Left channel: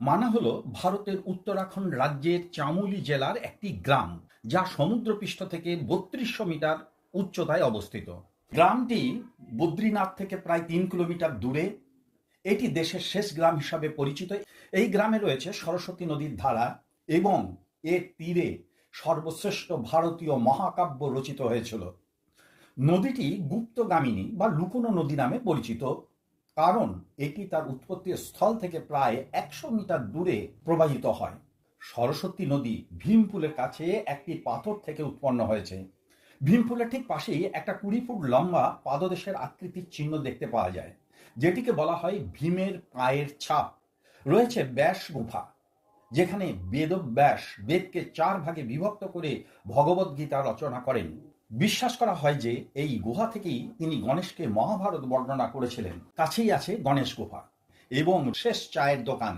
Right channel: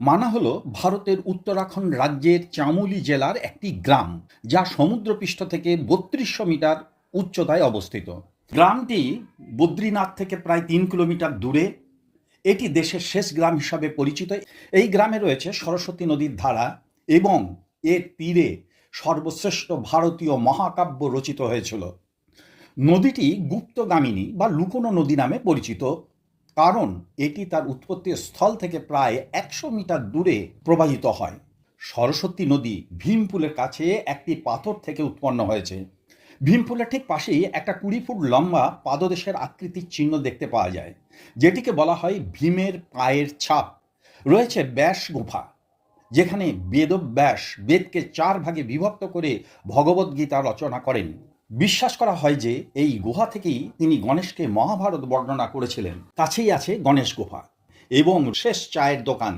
মানা হলো ভারতের উত্তরাখণ্ড রাজ্যের চামোলি জেলার একটি গ্রাম, যা সমুদ্রপৃষ্ঠ থেকে ৩২০০ মিটার উচ্চতায় অবস্থিত। গ্রামটি বদ্রীনাথ থেকে প্রায় ৩ কিলোমিটার দূরে। এটি দেশের শেষ গ্রাম হিসাবে পরিচিত। এই গ্রামে রয়েছে সরস্বতী নদীর ধারা এবং এর তীরে সর্বশ্রেষ্ঠ ভারতীয় মহাকাব্য রচিত হয়েছিল। নদীটি গুপ্তগামিনী বা লুকোনো নদী নামে পরিচিত, কারণ এটি তার উৎপত্তি স্থল থেকে প্রায় ১০০ মিটার দূরে প্রবাহিত হয়। সরস্বতী নদী ভীমপুলের কাছে একটি পাথর থেকে উৎপন্ন হয়েছে। ভীমপুলের ঠিক পাশেই একটা ২০ ফুট লম্বা পাদদেশের আকৃতির চিহ্ন দেখতে পাওয়া যায়, যেটিকে বলা হয় ভীমের পায়ের ছাপ। রয়েছে ব্যাস গুফা, যেখানে বেদব্যাস বেদকে ৪ ভাগে বিভক্ত করে ভগবদ্গীতা রচনা করেন। বিশ্বাস করা হয় যে এই গুহা থেকেই তিনি গণেশকে মহাভারত বর্ণনা করেছিলেন। কাছেই আছে গণেশ গুহা এবং শেষ চায়ের দোকান।